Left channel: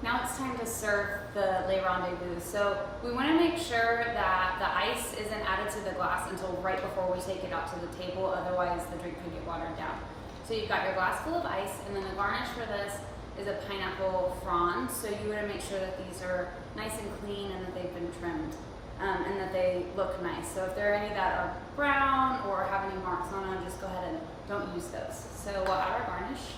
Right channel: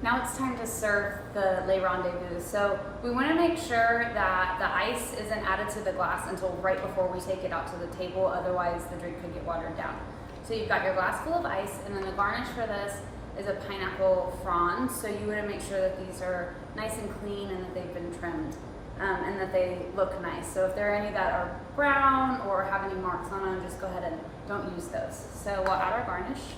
Now it's time to serve the Le Rendezvous. So we want to make sure that the ice isn't added to the glass until right before we take it out to the table, otherwise the drink could get watered down. So you've got your glass full of ice, and then the garnish for this is a pineapple fronds. So you want to make sure that these are nice and clean and that they've been trimmed and that they look nice. So if there are any that are brown or have any marks on them, just go ahead and don't use those. So we'll add our garnish.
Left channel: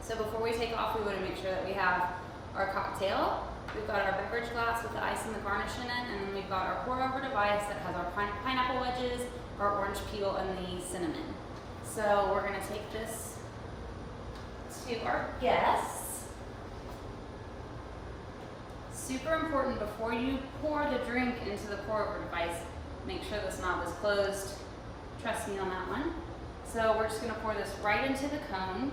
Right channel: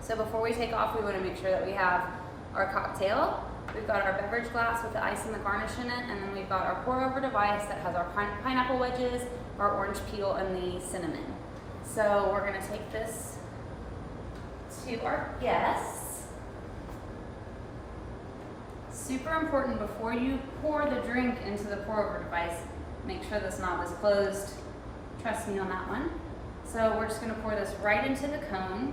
So before we take off, we want to make sure that we have our cocktail. We've got our beverage glass with the ice and the garnish in it, and then we've got our pour over device that has our pineapple wedges, our orange peel, and the cinnamon. So we're gonna take this to our guests. Super important, before you pour the drink into the pour over device, make sure this knob is closed. Trust me on that one. So we're just gonna pour this right into the cone.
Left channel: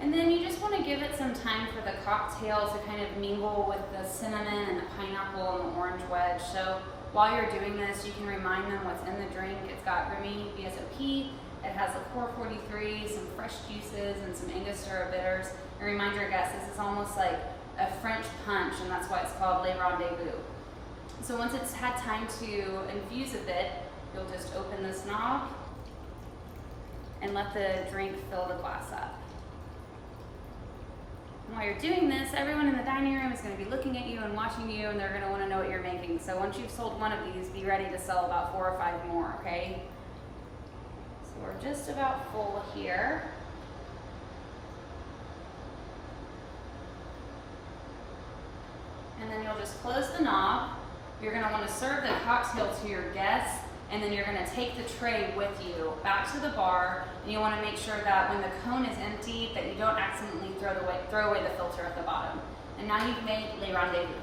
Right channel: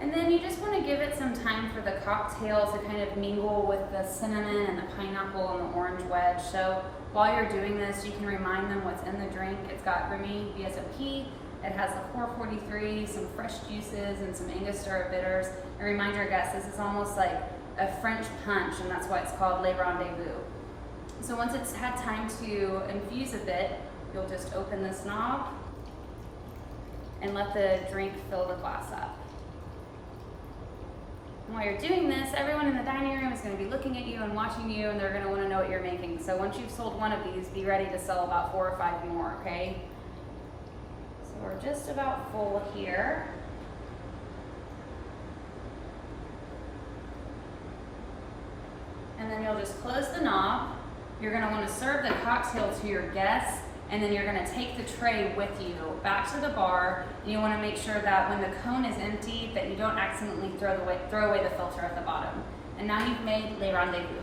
And then you just want to give it some time for the cocktail to kind of mingle with the cinnamon and the pineapple and the orange wedge. So while you're doing this, you can remind them what's in the drink. It's got Remy VSOP, it has a 443, some fresh juices, and some Angostura bitters. And remind your guests, this is almost like a French punch, and that's why it's called Le Rendezvous. So once it's had time to infuse a bit, you'll just open this knob and let the drink fill the glass up. While you're doing this, everyone in the dining room is going to be looking at you and watching you, and they're going to want to know what you're making. So once you've sold one of these, be ready to sell about 4 or 5 more, okay? So we're just about full here. And then you'll just close the knob. You're going to want to serve the cocktail to your guests, and then you're going to take the tray with you back to the bar, and you want to make sure that when the cone is empty that you don't accidentally throw away the filter at the bottom. And now you've made Le Rendezvous.